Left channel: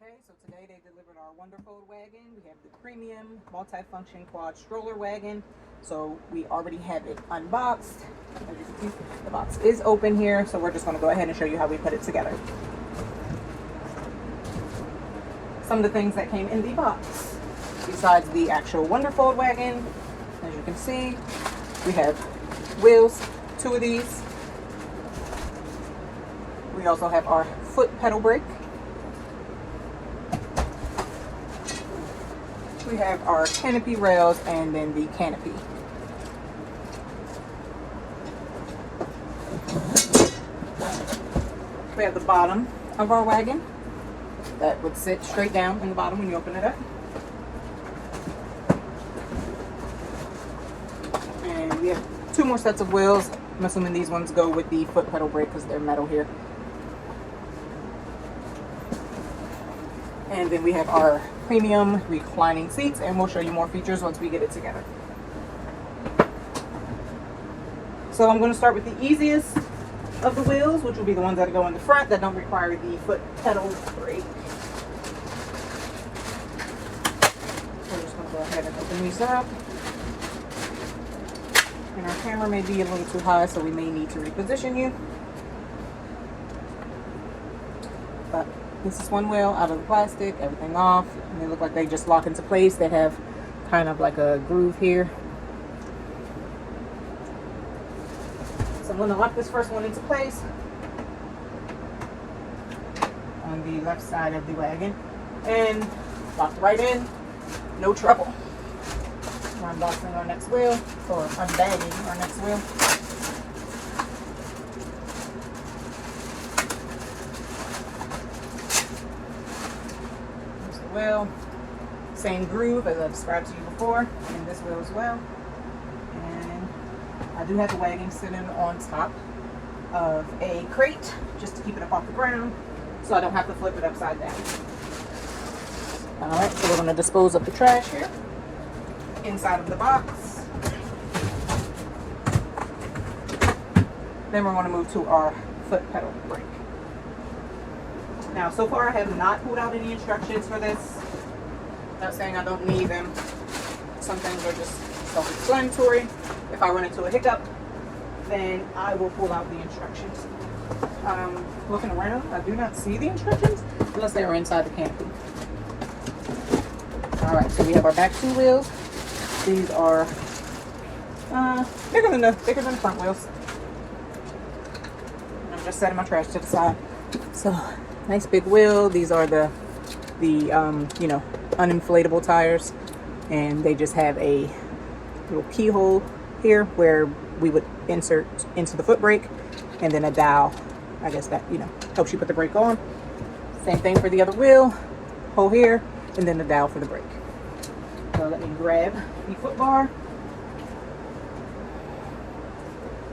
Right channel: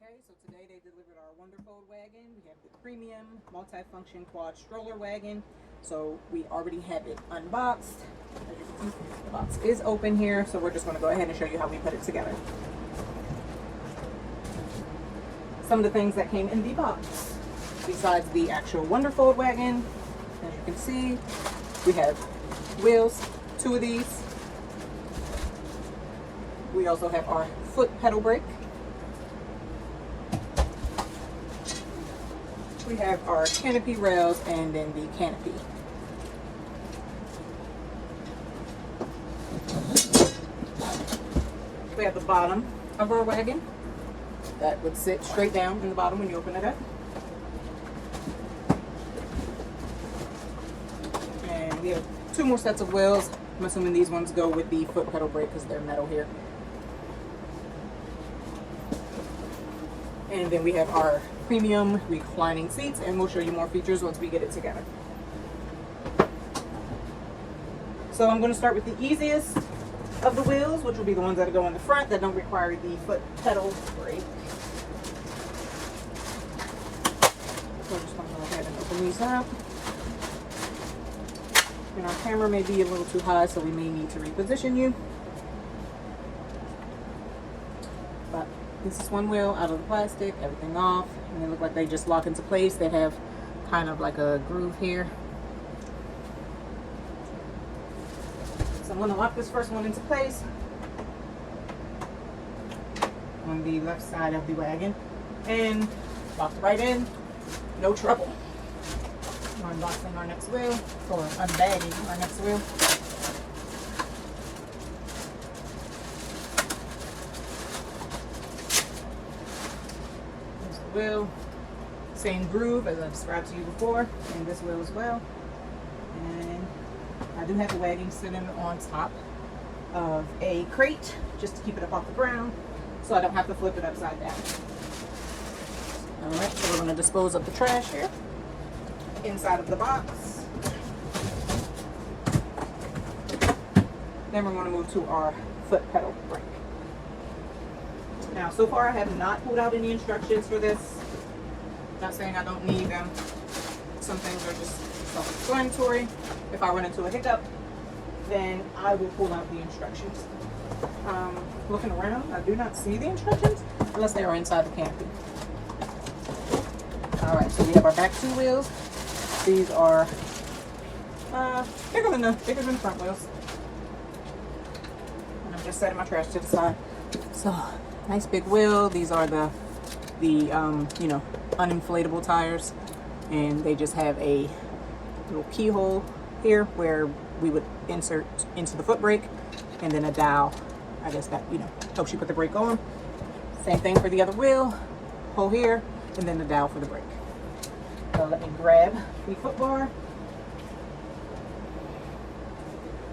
Okay, so today they delivered our Wonderfold wagon. We have the premium multi-function quad stroller wagon. So we already have it unboxed. As you can see, the box is open here. So we're just going to go ahead and show you how we put it together. Some of the things that came in the box, besides the actual Wonderfold wagon, as you can see, we have wheels, 2 of these. We also have our foot pedal brake. We have our canopy rails and then the canopy. We have the bottom of our wagon that would sit straight down in the bottom when you open it up. And we have 2 more sets of wheels. I'm assuming these ones go with the foot pedal brake because they're metal here. And then we have our premium reclining seats, and we'll show you more features once we get it together. So I'm going to start with the easiest of the wheels, which will be the ones that go in the front that don't require the foot pedal brake. So I'm just going to go ahead and open these up. And our camera may be a little too high, so we may need to reposition you. But this is one wheel out of the plastic, everything off, and they look like they just lock into place. They have kind of like a groove here. So I'm going to lock this first one into place on the left side of the wagon and lock it right in, no trouble. We're unboxing our next wheel, or unbagging our next wheel. Wheel, same groove as I described to you before, and this wheel as well. And I do have the wagon sitting on top of a crate just to keep it up off the ground so I don't have to flip it upside down. Alright, so we're going to dispose of the trash here inside of the box. Then we're going to move to our foot pedal brake. Now, so far I have not pulled out any instructions for this. Not saying I don't need them. Some things are just self-explanatory. If I run into a hiccup, then I will pull out the instructions. Looking around, I do not see the instructions unless they are inside the canopy. Alright, so we have our back 2 wheels. These are bigger than the front wheels. I'm just setting my trash to the side. So, nice big wheel. These are the you know, uninflatable tires, and they just have a little keyhole here where we would insert into the foot brake, and then a dowel, I guess, that, you know, helps you put the brake on. Same thing for the other wheel, hole here, and then the dowel for the brake. So let me grab the foot bar.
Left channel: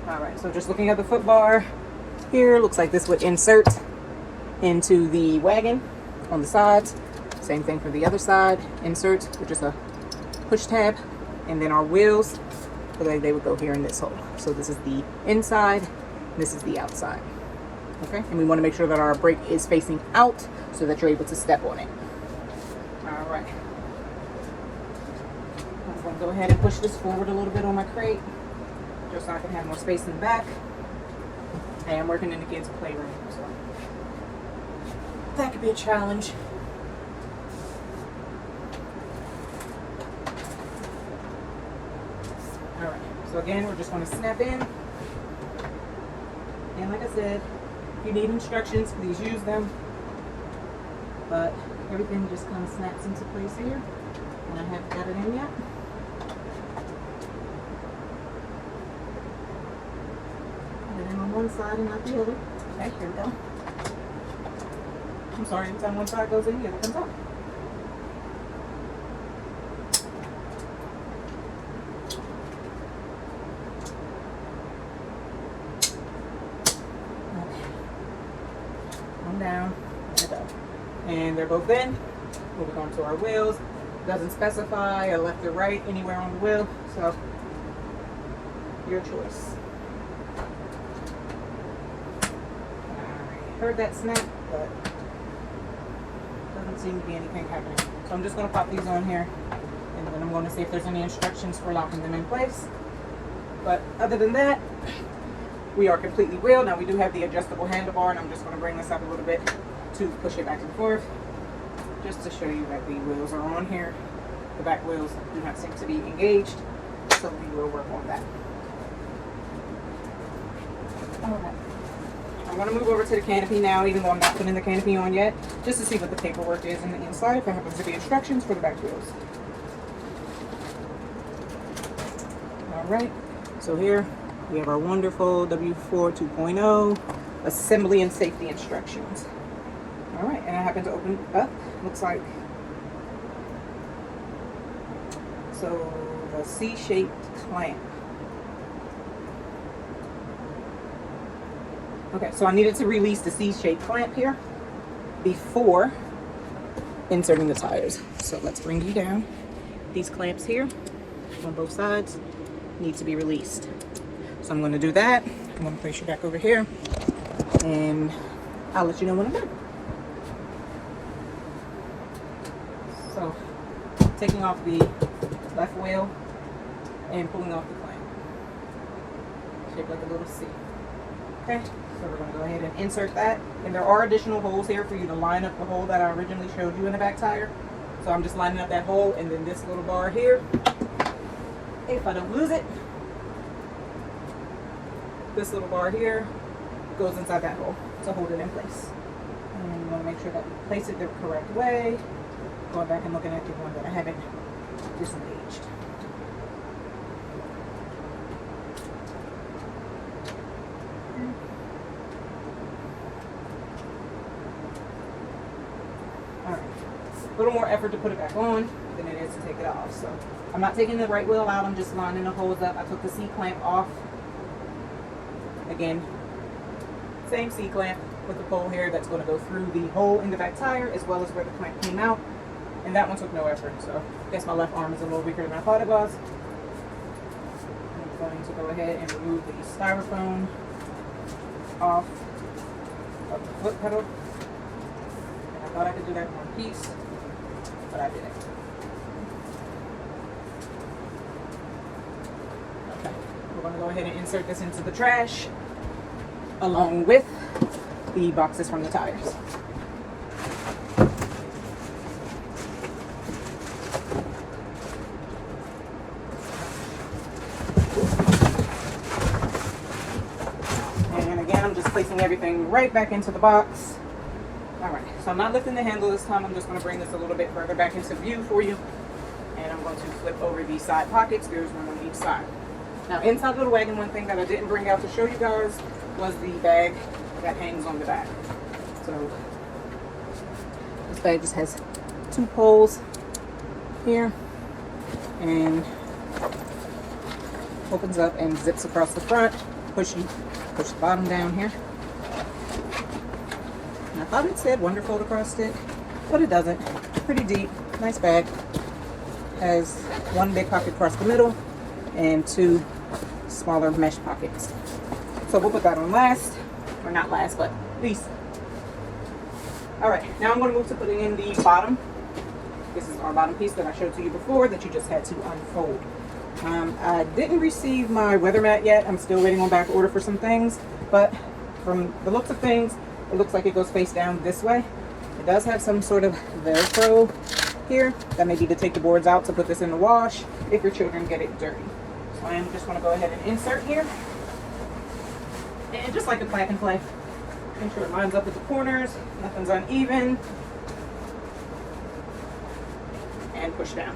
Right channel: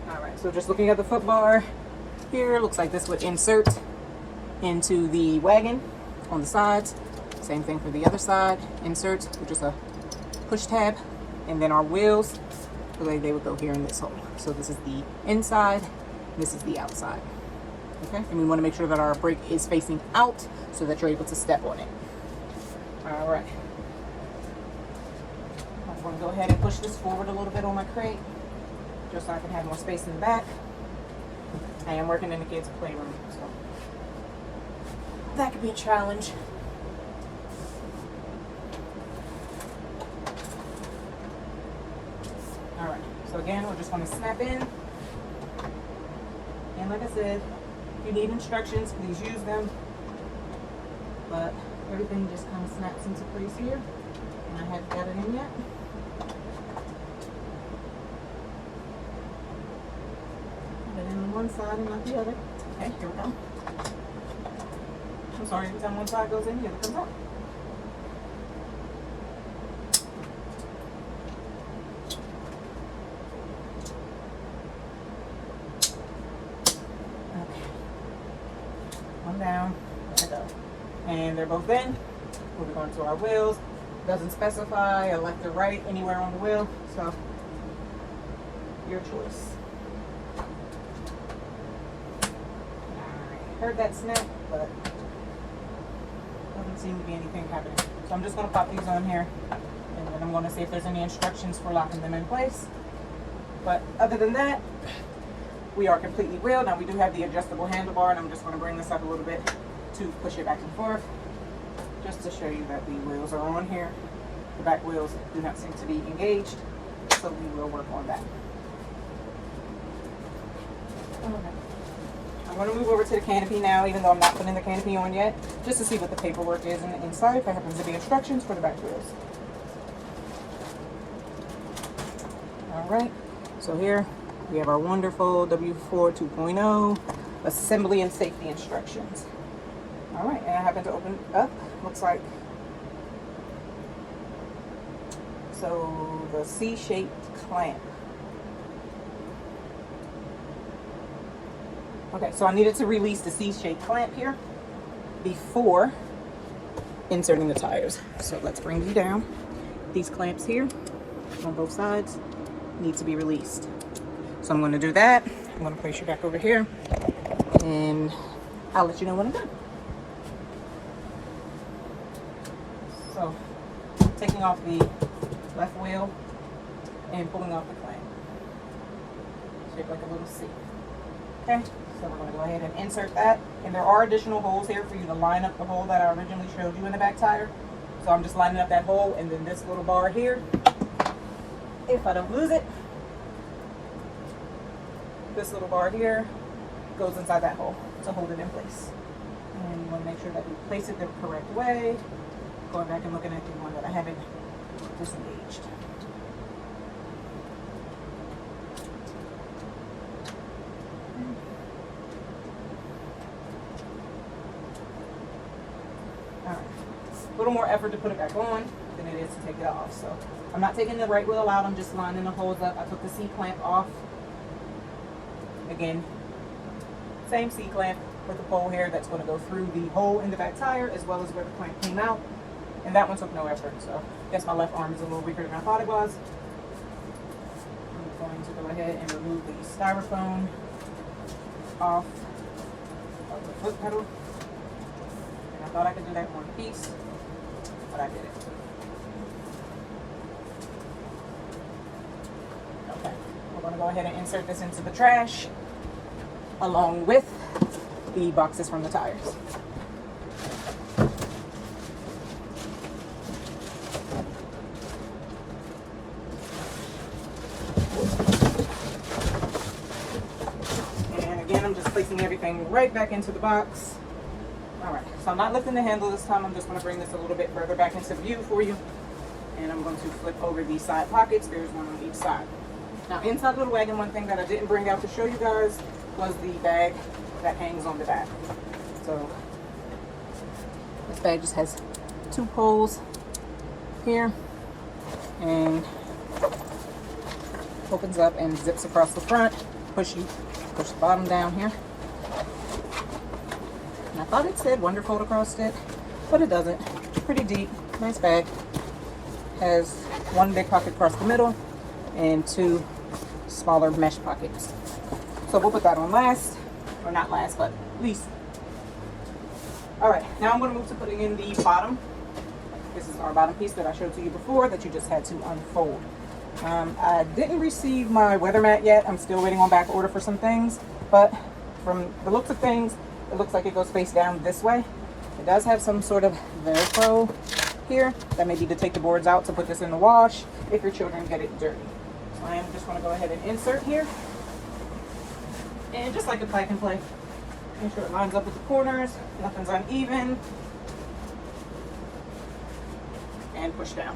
All right, so just looking at the foot bar here, looks like this would insert into the wagon on the sides. Same thing for the other side. Insert with just a push tab, and then our wheels, like they would go here in this hole. So this is the inside, this is the outside. Okay, and we want to make sure that our brake is facing out so that you're able to step on it. All right, I'm going to go ahead and push this forward a little bit on my crate just so I can have more space in the back. I am working in the kids' playroom, so that could be a challenge. All right, so again, we're just going to snap in. And like I said, if you need instructions, please use them. But everything just kind of snaps into place here. And I haven't got it in yet. Put it in on one side and not the other. Okay, here we go. I'm sorry, anytime one side goes in, the other comes out. Okay. One down, there we go. And they're both in. Moving on to our wheels. Doesn't specify a left or right anywhere on the wheel, so your choice. Alright, heard that snap, but seem to be anything happening. So I'm just going to pop these on here, and then I'm going to see if there's any instructions for locking them in place. But other than that, we are completely wheeled. Now we do have the adjustable handlebar, and I'm just going to bring this up a little bit to push it back and forth, just to show you that the wheels are on here. The back wheels do not seem to be engaged, so we will work on that. Okay. I'm going to move over to the canopy now, even though I'm not putting the canopy on yet, just to see what the paperwork is on the inside, if there happens to be instructions for the back wheels. Alright, so here we have our Wonderfold W4 2.0 assembly and safety instructions. Alright, and I happen to open up, looks like, so the C-shaped clamp. Okay, so I needed to release the C-shaped clamp here before inserting the tires. So let's bring you down. These clamps here on both sides need to be released. So I'm going to do that. I'm going to place you back over here, and I'll let you know when I'm done. So taking off the left wheel and pulling off the clamp, shaped like a little C. Okay, so we're going to go ahead and insert that, and there are additional holes here for you to line up the hole that I originally showed you in the back tire. So I'm just lining up that hole, and then this little bar here, if I don't lose it, this little bar here goes inside that hole to hold it in place. And you want to make sure that you place it the correct way. Going back and looking at the one that I haven't disengaged. Alright, a little more effort to put it back on than it is to take it off. So I'm not taking the right wheel out, I'm just lining the holes up. I took the C-clamp off. Again, same C-clamp with the pole here that's going to go through the hole in the back tire as well as where the clamp came out. And that one took no effort, so I guess my left arm is a little weaker than I thought it was. I'm going to go ahead and remove the styrofoam off of the foot pedal. And I thought I could do that in one piece, but I didn't. Okay, we're going to go ahead and insert this into the trash along with the boxes from the tires. Placing everything right back into the box. Alright, so I'm not lifting the handle this time. I'm just going to bring this a little bit further back into view for you. And I'm going to flip over these side pockets. There's one on each side. Now inside of the wagon, one thing that I didn't bring out to show you guys was the bag that hangs on the back. So this bag just has two poles here and opens up and zips across the front. Push the bottom down here. And I thought it said Wonderfold across it, but it doesn't. Pretty deep, nice bag. Has one big pocket across the middle and two smaller mesh pockets. So we'll put that on last, or not last, but least. All right, now I'm going to move to putting in the bottom. This is our bottom piece that I showed to you before that you just had to unfold. I didn't receive my weather mat yet. I'm still waiting on back order for some things, but from the looks of things, it looks like it goes face down this way. It does have some sort of Velcro here that may be to take the boards out to put this in the wash if your children get it dirty. So I am just going to go ahead and insert here. And just like a plug and play, make sure it lines up with the corners, nothing's uneven, and push down.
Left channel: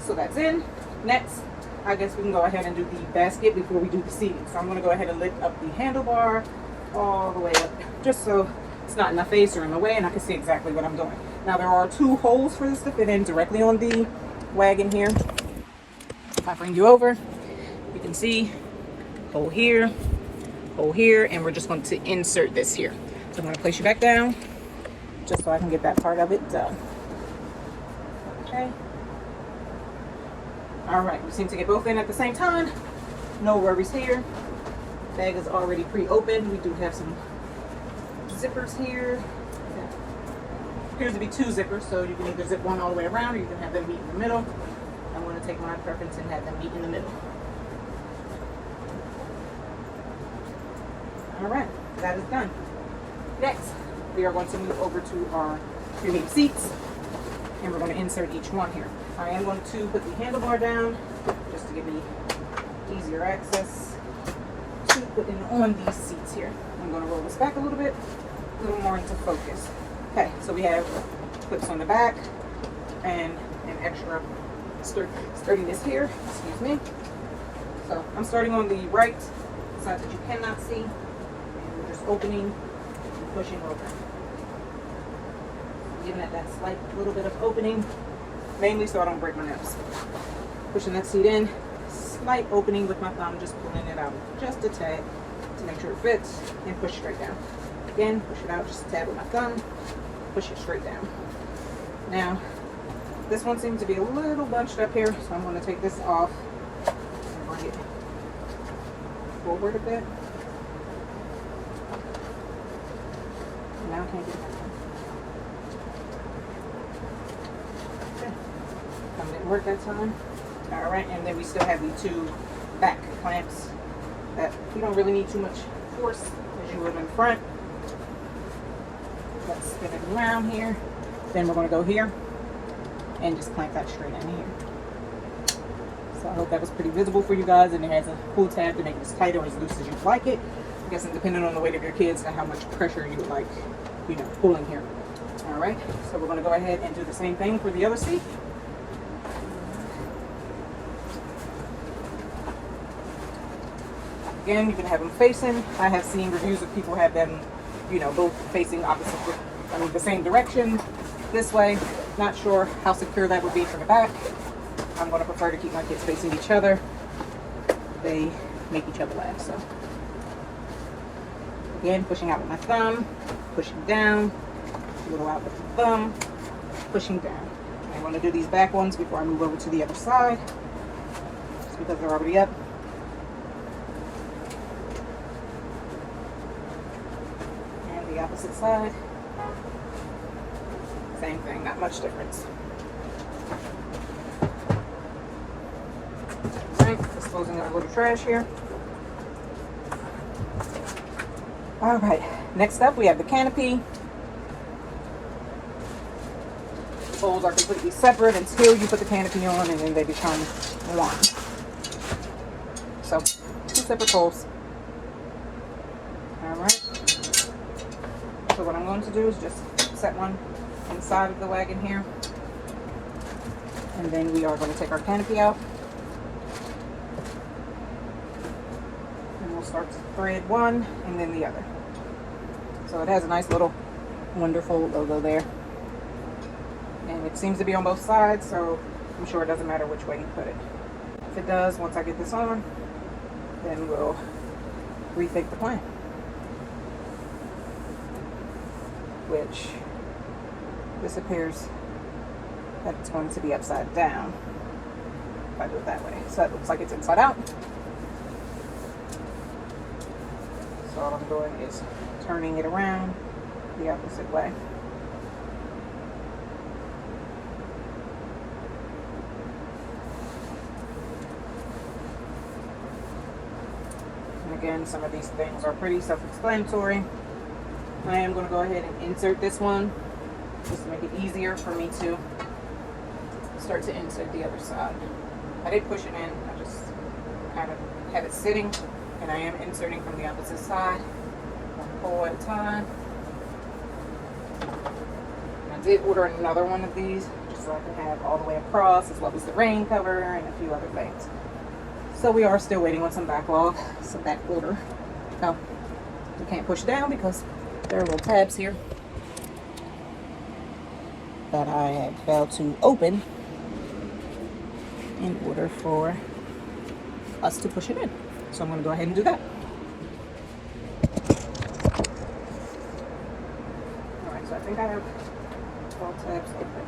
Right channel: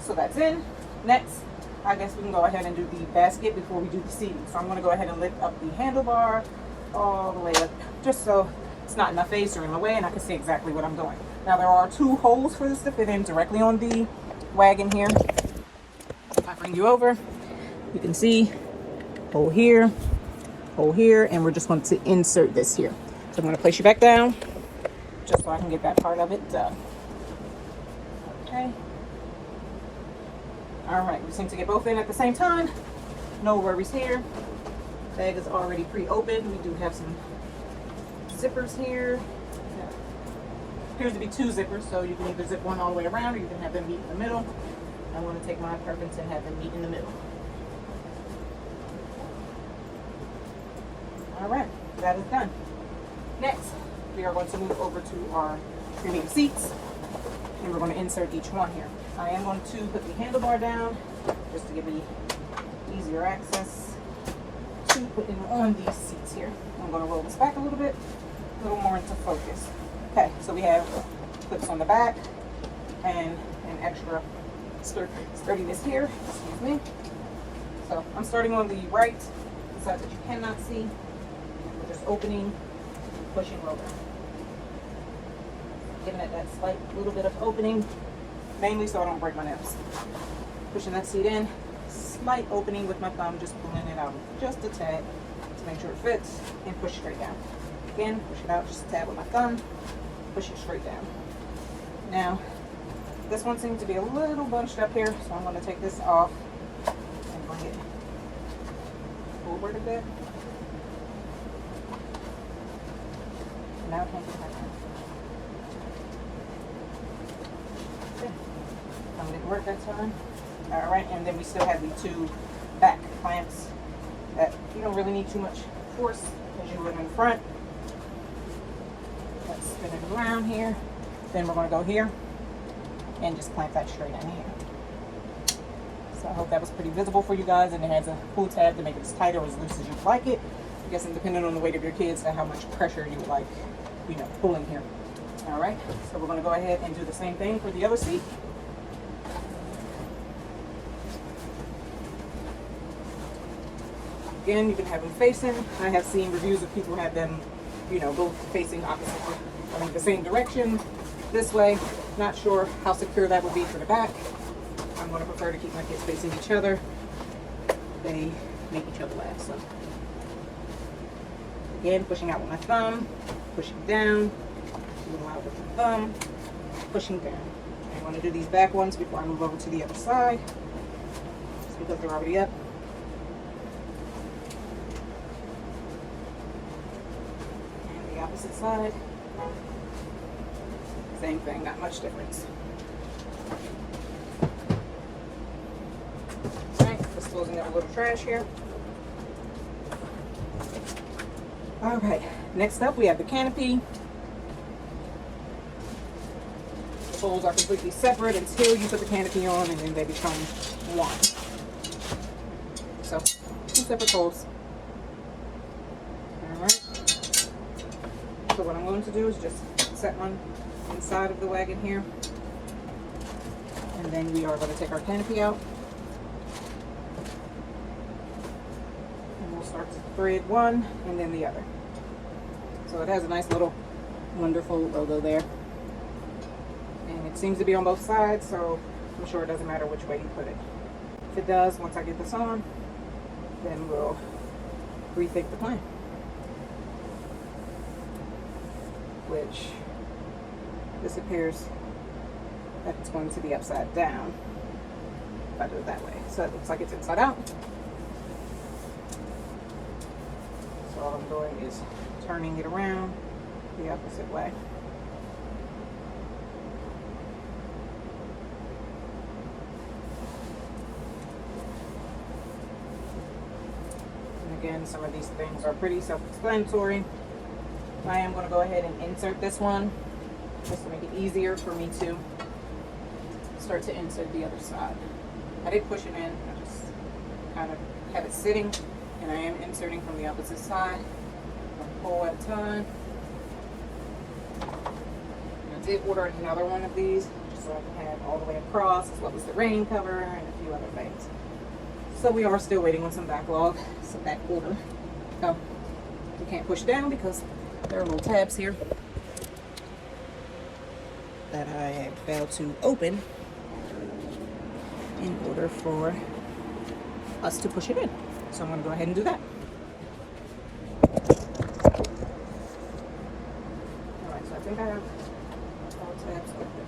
So that's in. Next, I guess we can go ahead and do the basket before we do the seating. So I'm going to go ahead and lift up the handlebar all the way up, just so it's not in my face or in my way and I can see exactly what I'm doing. Now there are two holes for this to fit in directly on the wagon here. If I bring you over, you can see hole here, and we're just going to insert this here. So I'm going to place you back down just so I can get that part of it done. Okay. All right, we seem to get both in at the same time. No worries here. Bag is already pre-opened. We do have some zippers here. appears to be 2 zippers, so you can either zip one all the way around or you can have them meet in the middle. I want to take my preference and have them meet in the middle. All right, that is done. Next, we are going to move over to our premium seats, and we're going to insert each one here. I am going to put the handlebar down just to give me easier access to put in on these seats here. I'm going to roll this back a little bit, a little more into focus. Okay, so we have clips on the back and an extra sturdiness here. Excuse me. So I'm starting on the right side that you cannot see. We're just opening and pushing over. Giving it that slight little bit of opening, mainly so I don't break my nose. Pushing that seat in, slight opening with my thumb, just pulling it out just a tad to make sure it fits, and push straight down. Again, push it out just a tad with my thumb, push it straight down. Now, this one seems to be a little bunched up here, so I'm going to take this off and bring it forward a bit. Now I can't get it back on. Okay. Some didn't work that time. Alright, and then we still have the 2 back clamps that you don't really need too much force as you would in front. Let's spin it around here. Then we're going to go here and just clamp that straight in here. So I hope that was pretty visible for you guys, and it has a pull tab to make it as tight or as loose as you'd like it. I guess depending on the weight of your kids and how much pressure you would like, you know, pulling here. Alright, so we're going to go ahead and do the same thing for the other seat. Again, you can have them facing. I have seen reviews of people have them, you know, both facing opposite, the same direction this way. Not sure how secure that would be for the back. I'm going to prefer to keep my kids facing each other. They make each other laugh. So again, pushing out with my thumb, pushing down, a little out with the thumb, pushing down. I want to do these back ones before I move over to the other side, just because they're already up. The opposite side, same thing, not much difference. Alright, disposing of a little trash here. Alright, next up we have the canopy. The poles are completely separate until you put the canopy on, and then they become one. So, 2 separate poles. Alright. So what I'm going to do is just set one inside of the wagon here, and then we are going to take our canopy out, and we'll start to thread one and then the other. So it has a nice little Wonderfold logo there, and it seems to be on both sides, so I'm sure it doesn't matter which way you put it. If it does, once I get this on, then we'll rethink the plan. Which this appears that it's going to be upside down if I do it that way. So it looks like it's inside out. So all I'm doing is turning it around the opposite way. And again, some of these things are pretty self-explanatory. I am going to go ahead and insert this one just to make it easier for me to start to insert the other side. I did push it in, I just kind of have it sitting, and I am inserting from the opposite side, one pole at a time. And I did order another one of these just so I can have all the way across, as well as the rain cover and a few other things. So we are still waiting on some backlog, some back order. So you can't push down because there are little tabs here that I have failed to open in order for us to push it in. So I'm going to go ahead and do that. Alright, so I think I have all tabs open.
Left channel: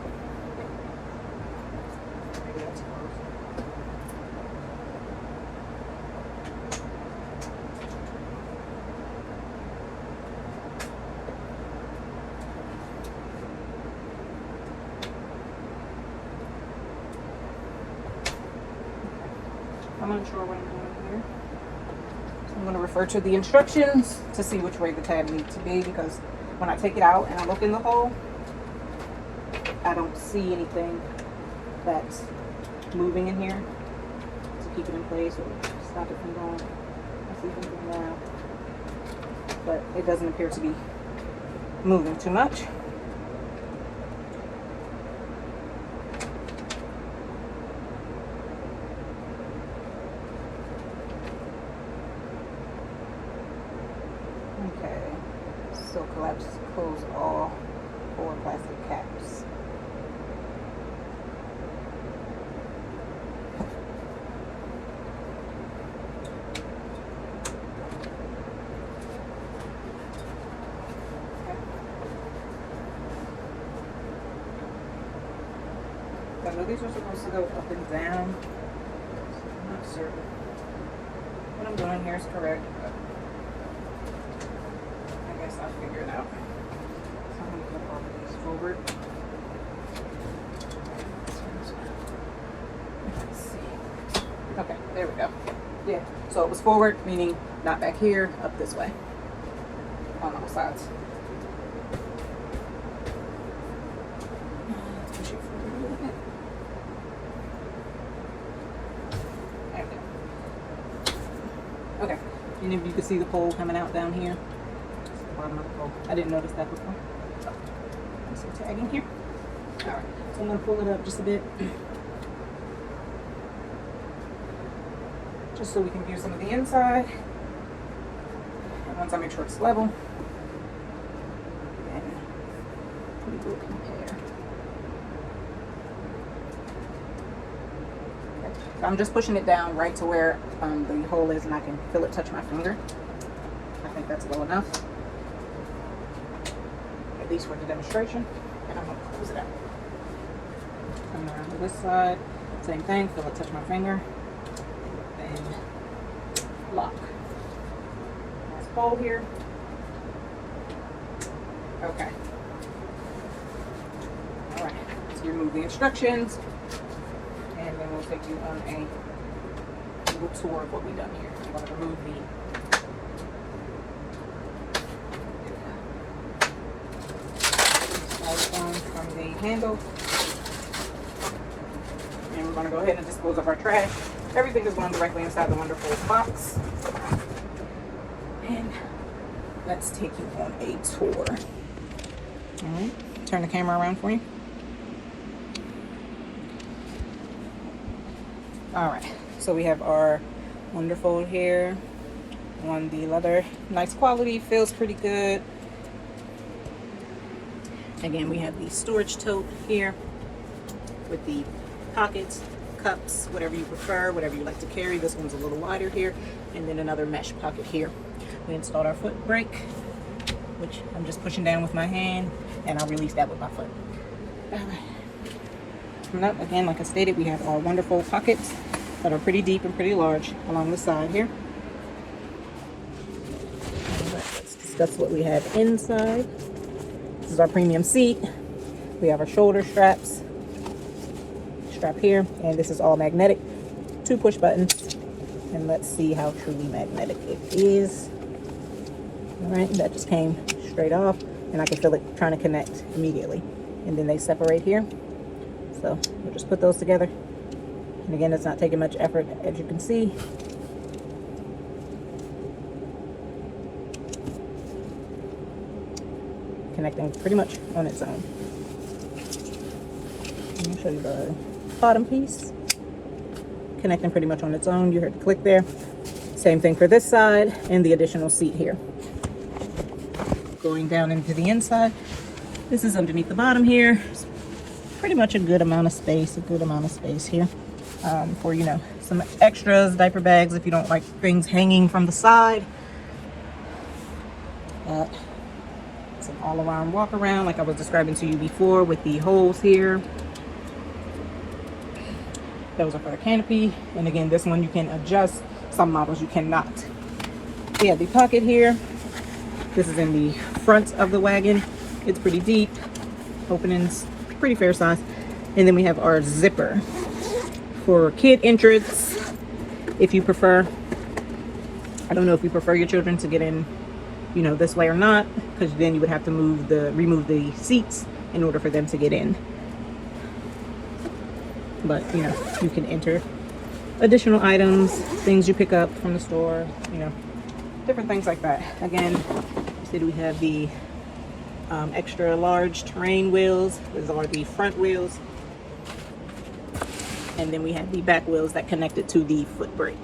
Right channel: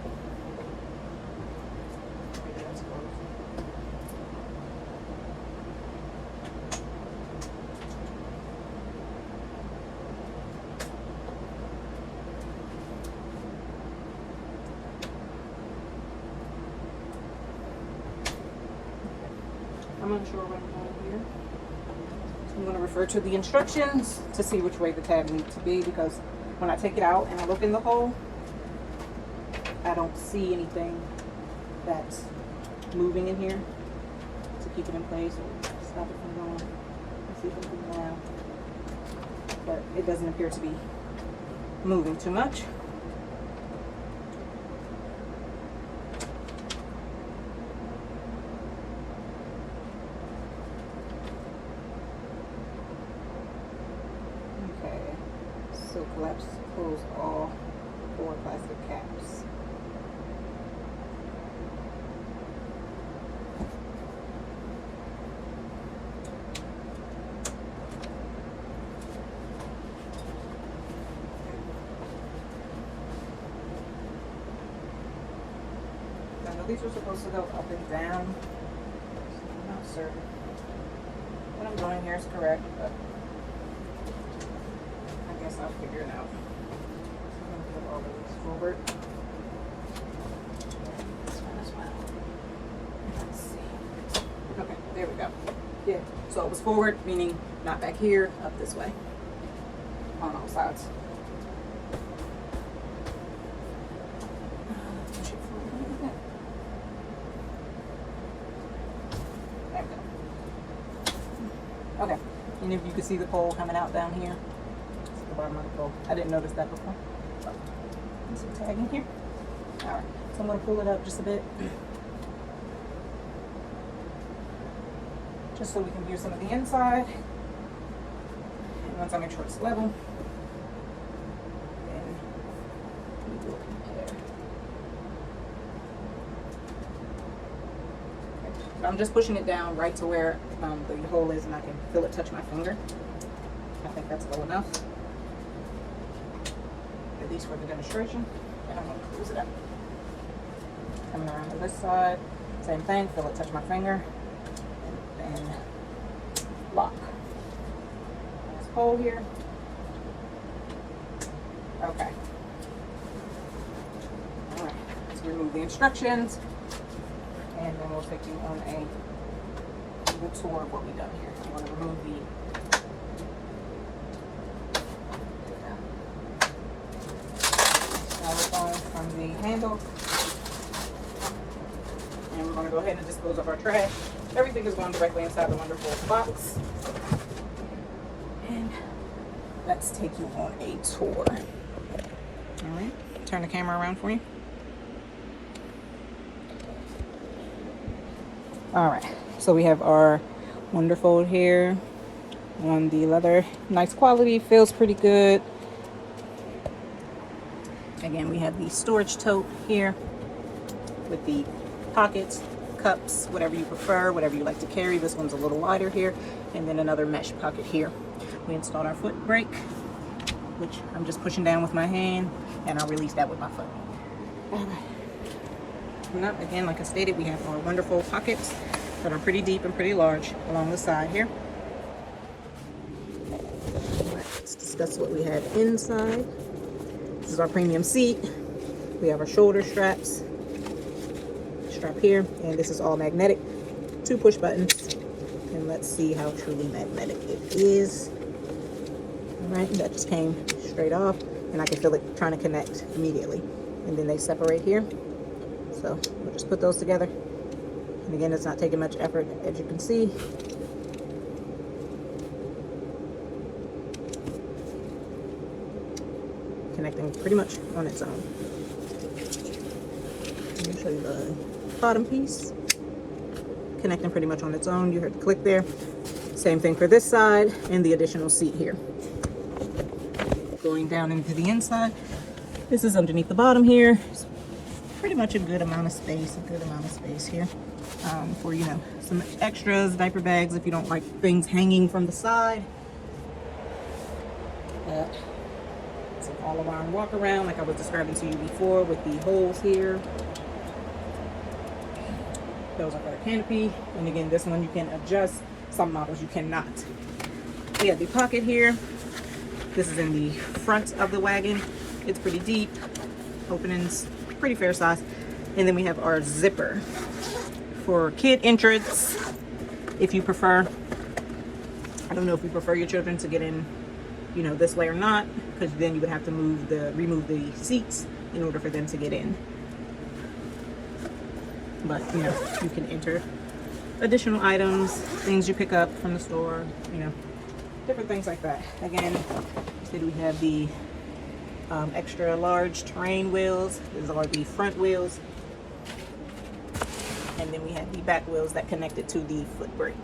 Maybe that's closed. I'm unsure what I'm doing here. So I'm going to refer to the instructions to see which way the tag needs to be, because when I take it out and I look in the hole, I don't see anything that's moving in here to keep it in place or stop it from going. I see something now, but it doesn't appear to be moving too much. Okay, so close all 4 plastic caps. I know these are supposed to go up and down, so I'm not certain what I'm doing here is correct, but I guess I'll figure it out. So I'm going to flip all of these forward. Let's see. Okay, there we go. Yeah, so it was forward, meaning not back here, up this way on all sides. Push it forward a little bit. Okay, and if you can see the pole coming out down here, it's the bottom of the pole. I didn't notice that before. Oh, there's some tag in here. All right, so I'm gonna pull it up just a bit, just so we can view some of the inside. And once I make sure it's level, and we do a compare. I'm just pushing it down right to where the hole is, and I can feel it touch my finger. I think that's low enough, at least for the demonstration. And I'm going to close it up. Coming around to this side, same thing, feel it touch my finger, and lock. Nice pole here. Okay. All right, let's remove the instructions. And then we'll take you on a little tour of what we've done here. I'm going to remove the styrofoam from the handle. And we're going to go ahead and dispose of our trash. Everything is going directly inside the Wonderfold box. And let's take you on a tour. All right, turn the camera around for you. All right, so we have our Wonderfold here on the leather. Nice quality, feels pretty good. Again, we have the storage tote here with the pockets, cups, whatever you prefer, whatever you like to carry. This one's a little wider here, and then another mesh pocket here. We installed our foot brake, which I'm just pushing down with my hand, and I'll release that with my foot. All right. Coming up, again, like I stated, we have our Wonderfold pockets that are pretty deep and pretty large along the side here. All right, let's discuss what we have inside. This is our premium seat. We have our shoulder straps, strap here, and this is all magnetic. 2 push buttons, and let's see how truly magnetic it is. All right, that just came straight off, and I can feel it trying to connect immediately. And then they separate here. So we'll just put those together. And again, it's not taking much effort, as you can see. Connecting pretty much on its own. Let me show you the bottom piece. Connecting pretty much on its own. You heard the click there. Same thing for this side and the additional seat here. Going down into the inside. This is underneath the bottom here. Pretty much a good amount of space, here for, you know, some extras, diaper bags if you don't like things hanging from the side. It's an all-around walk around like I was describing to you before with the holes here. Those are for the canopy, and again, this one you can adjust. Some models you cannot. Yeah, the pocket here. This is in the front of the wagon. It's pretty deep. Openings pretty fair size. And then we have our zipper for kid entrance. if you prefer. I don't know if you prefer your children to get in, you know, this way or not, because then you would have to remove the seats in order for them to get in. But, you know, you can enter additional items, things you pick up from the store, you know, different things like that. Again, you said we have the extra large terrain wheels. These are the front wheels. And then we have the back wheels that connected to the foot brake.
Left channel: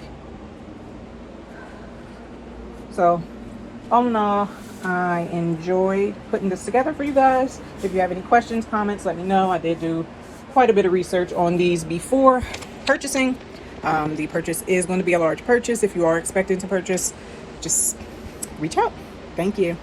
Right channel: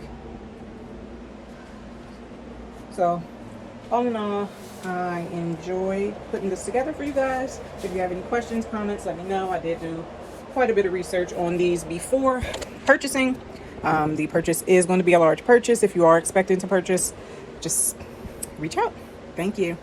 So, all in all, I enjoyed putting this together for you guys. If you have any questions, comments, let me know. I did do quite a bit of research on these before purchasing. The purchase is going to be a large purchase. If you are expecting to purchase, just reach out. Thank you.